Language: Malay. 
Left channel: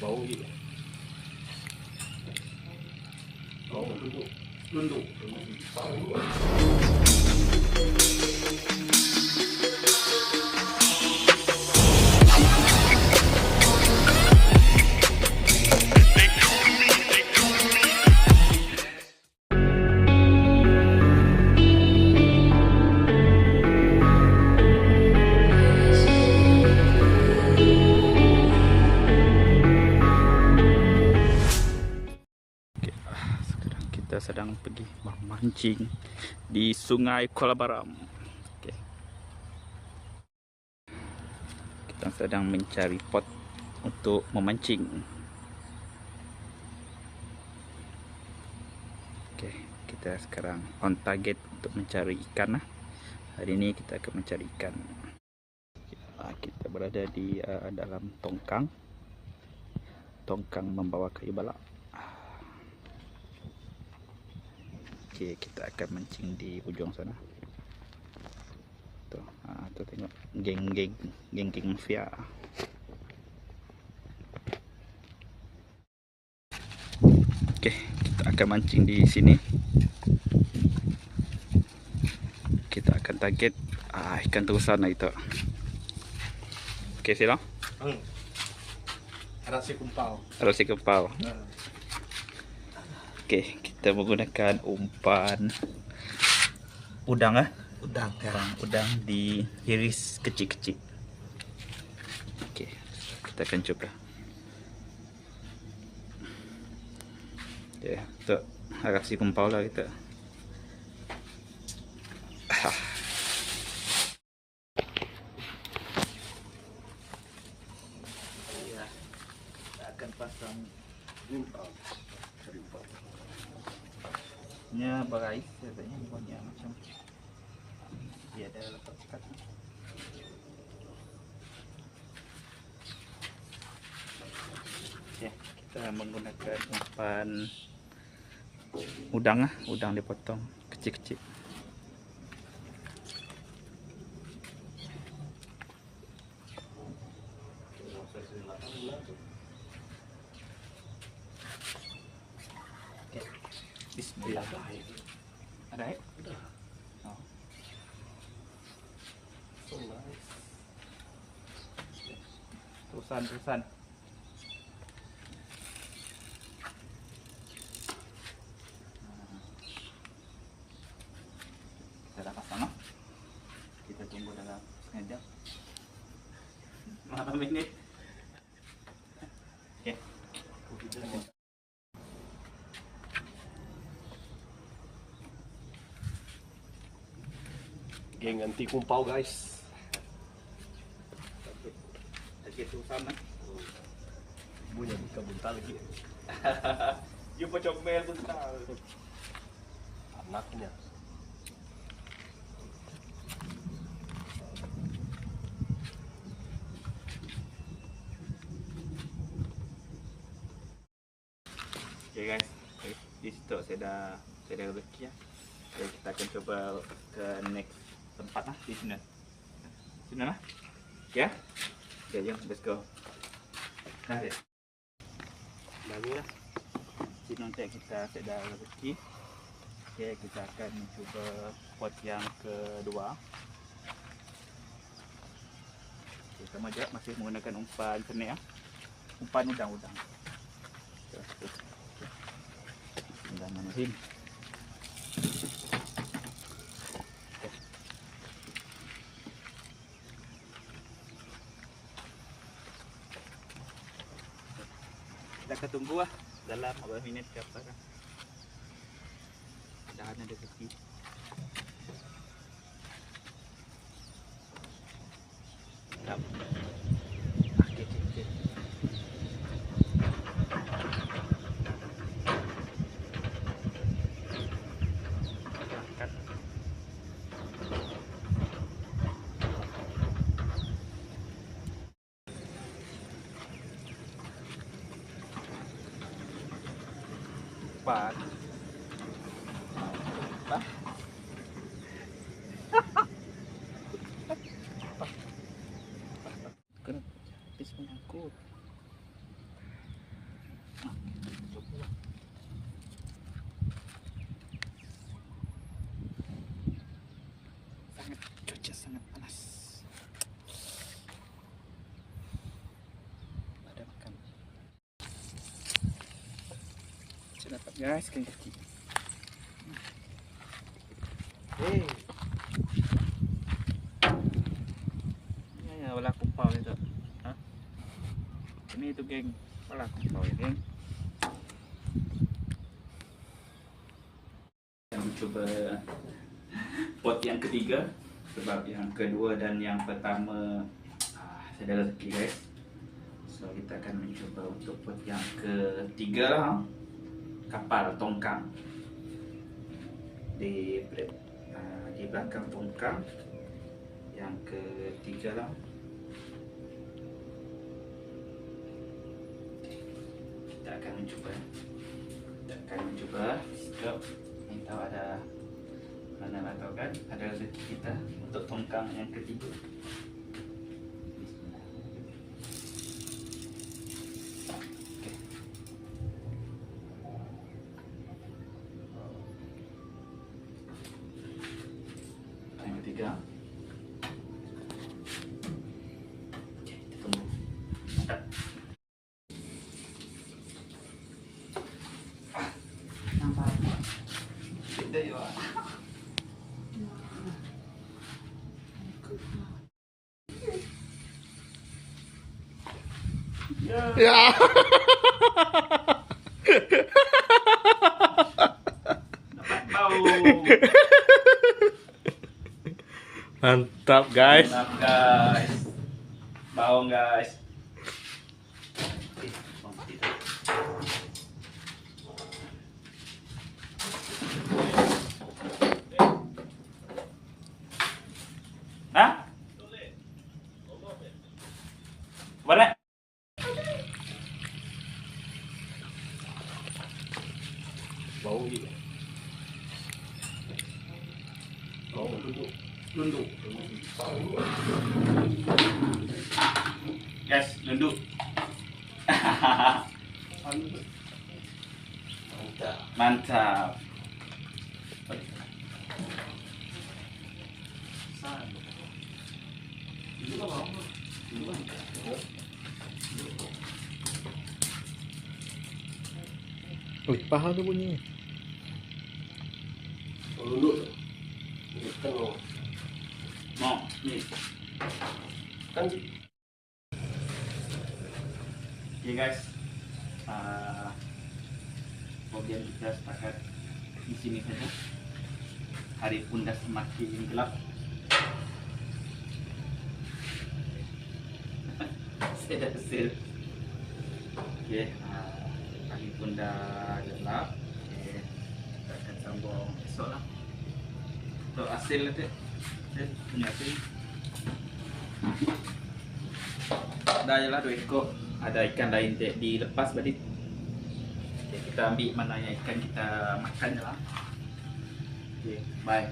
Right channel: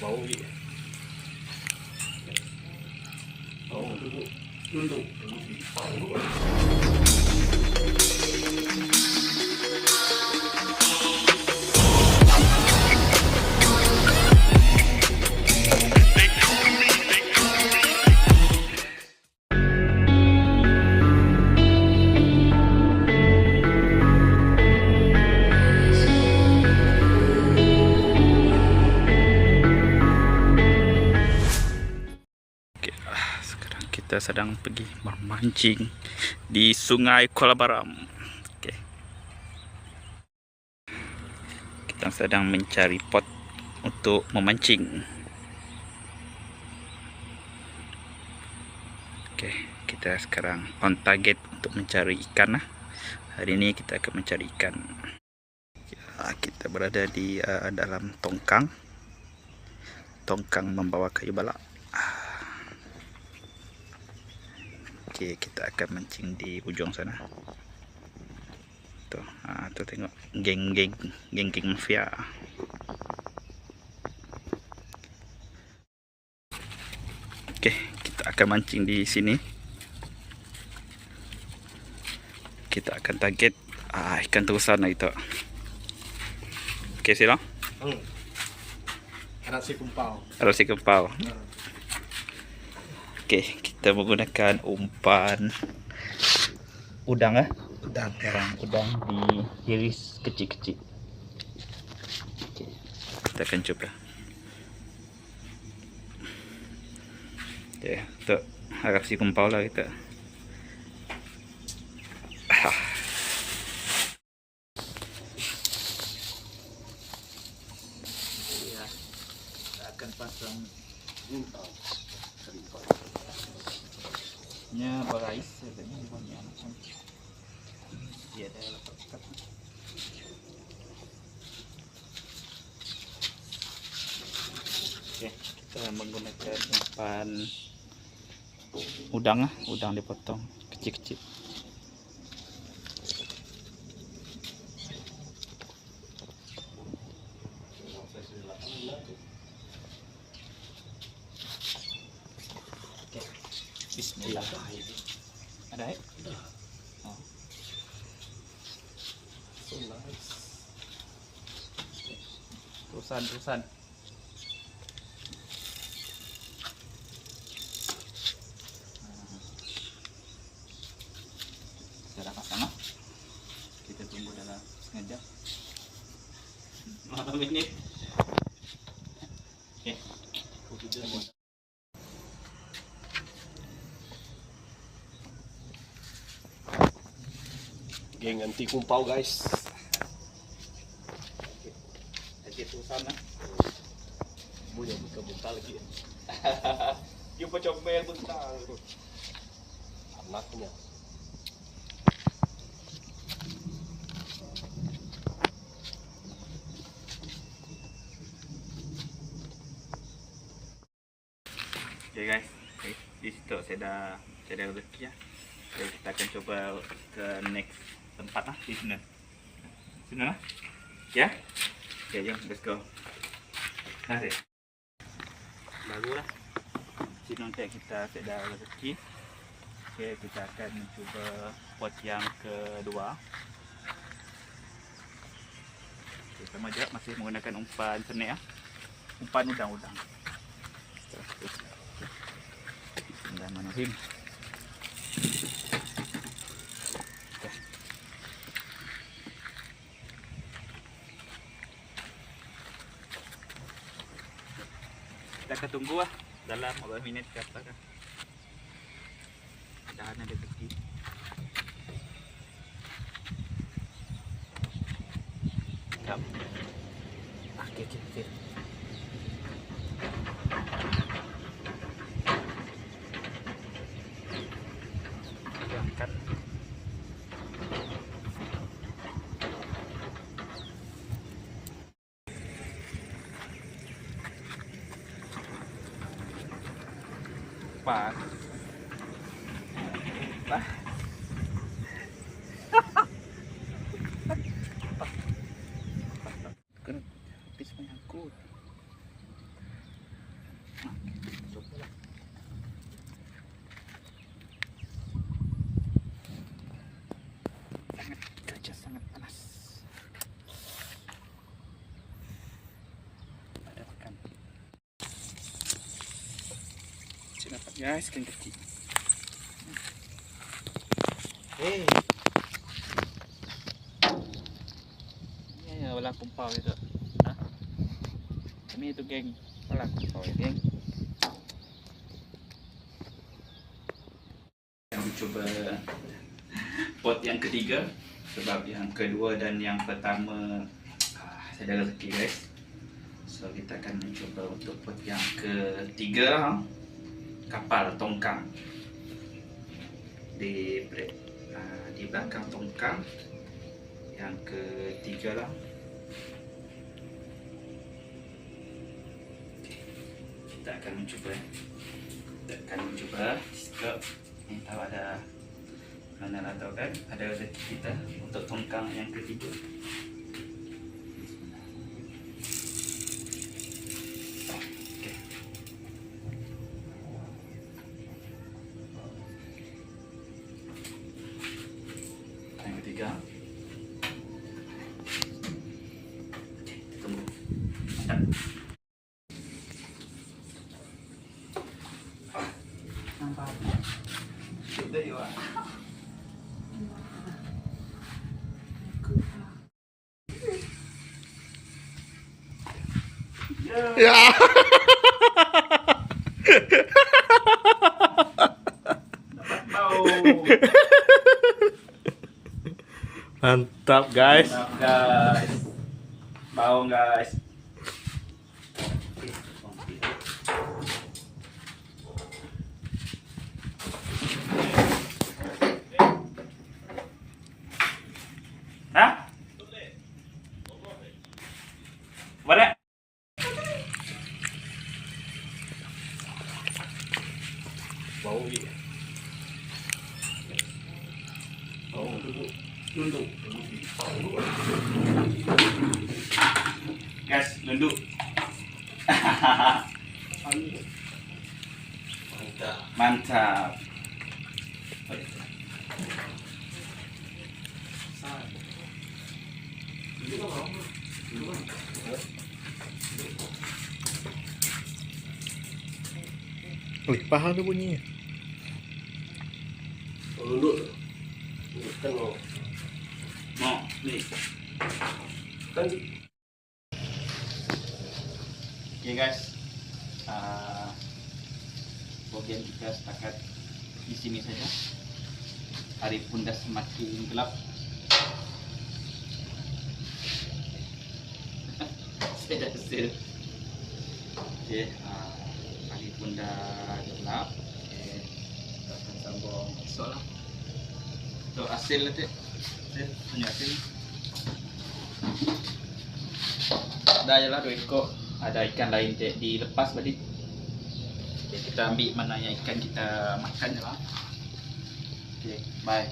Bau ni. Bau duduk. Tunduk. Sekarang kita sedang pergi memancing di Sungai Kuala Baram. Okay. Kita sedang mencari pot untuk memancing. Okay. Kita sekarang on target untuk mencari ikan lah. Hari ini kita akan mencari ikan. Kita berada di dalam tongkang. Tongkang membawa kayu balak. Okay, kita akan mancing di ujung sana. Tuh, tuh tengok geng-geng mafia. Okay, kita akan mancing di sini. Kita akan target ikan terusan lah itu. Okay, sila. Arap si kumpau. Arap si kumpau. Okay, kita menggunakan umpan udang Udang. Udang diiris kecil-kecil. Okay, kita akan coba. Okay, untuk harap si kumpau lah kita. Ya, kita akan pasang nya berais katanya buahnya macam dia ada letak. Oke, kita menggunakan umpan udang dipotong kecil-kecil. Oke. Bismillah. Ada ya? Oh. So nice. Terusan. Kita dah pasang lah. Kita tunggu dalam setengah jam. 5 minit. Okay. Geng anti kumpau guys. Lagi terusan lah. Bunyi bukan buntal lagi. You pecomel buntal. Anaknya. Okay guys, di situ saya dah rezeki ya. Jadi kita akan coba ke next tempat lah di sana. Lah. Ya. Okay, jom let's go. Nah, deh. Barulah. Sini nanti kita dah rezeki. Okay, kita akan mencuba pot yang kedua. Okay, sama juga masih menggunakan umpan senek ya. Umpan udang. Bismillahirrahmanirrahim. Kita akan tunggu lah dalam 15 minit ke apa kan. Mudahan ada rezeki. Okay. Pak. Kenapa habis menyangkut? Guys, ikan kecil. Eh, Ya, wala kumpau itu. Hah? Ini itu, geng. Wala kumpau ya, geng. Yang mencoba pot yang ketiga, sebab yang kedua dan yang pertama saya dah rezeki, guys. So kita akan mencoba untuk pot yang ketiga, kapal tongkang. Di belakang tongkang yang ketiga lah. Kita akan mencuba. Sebab ini tahu ada mana lah, tahu kan, ada rezeki kita untuk tongkang yang ketiga. Okay. Yang ketiga. Okay, kita tunggu. Mantap. Kita yuk. ya. Dapat bau. Mantap guys. Mantap, guys. Bau, guys. Hah? Boleh? Bau ni. Bau duduk. Guys, lunduk. Mantap. Mantap. Wih, paham tu bunyinya. Duduk. Kan mau. Mau, ni. Kan Okay, guys. Bagian kita setakat di sini saja. Hari pun dah semakin gelap. Saya dah kesel. Okay, hari pun dah gelap. Okay, kita akan sambung esok lah. Untuk hasil nanti, hasil punya hasil. Dah je lah 2 ekor. Ada ikan lain dilepas tadi. Okay, kita ambil mana yang ikan kita makan je lah. Okay, bye.